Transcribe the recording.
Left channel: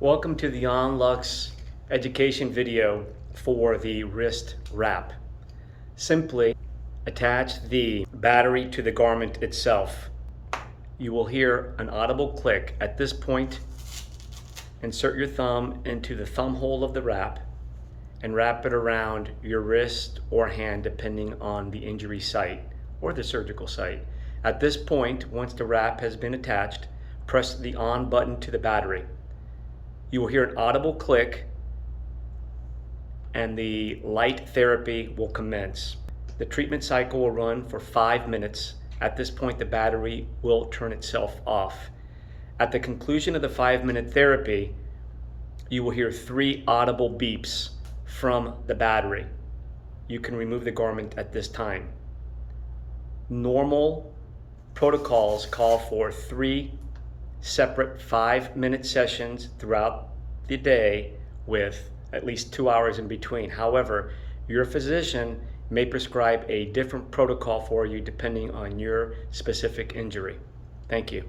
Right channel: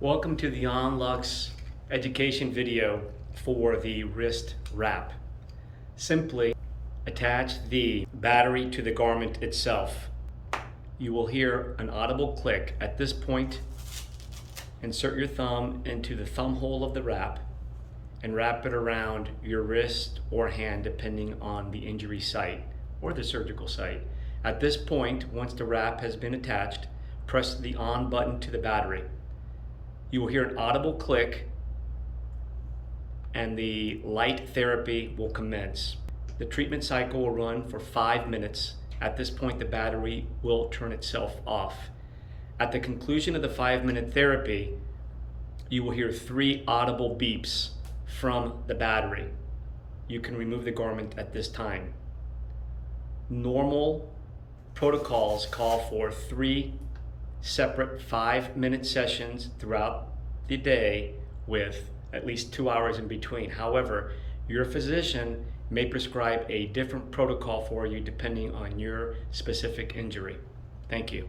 Welcome to the OnLux education video for the wrist wrap. Simply attach the battery to the garment itself. You will hear an audible click. At this point, insert your thumb into the thumb hole of the wrap and wrap it around your wrist or hand depending on the injury site or the surgical site. At this point, once the wrap has been attached, press the on button to the battery. You will hear an audible click and the light therapy will commence. The treatment cycle will run for 5 minutes. At this point, the battery will turn itself off. At the conclusion of the 5-minute therapy, you will hear 3 audible beeps from the battery. You can remove the garment at this time. Normal protocols call for 3 separate 5-minute sessions throughout the day with at least 2 hours in between. However, your physician may prescribe a different protocol for you depending on your specific injury. Thank you.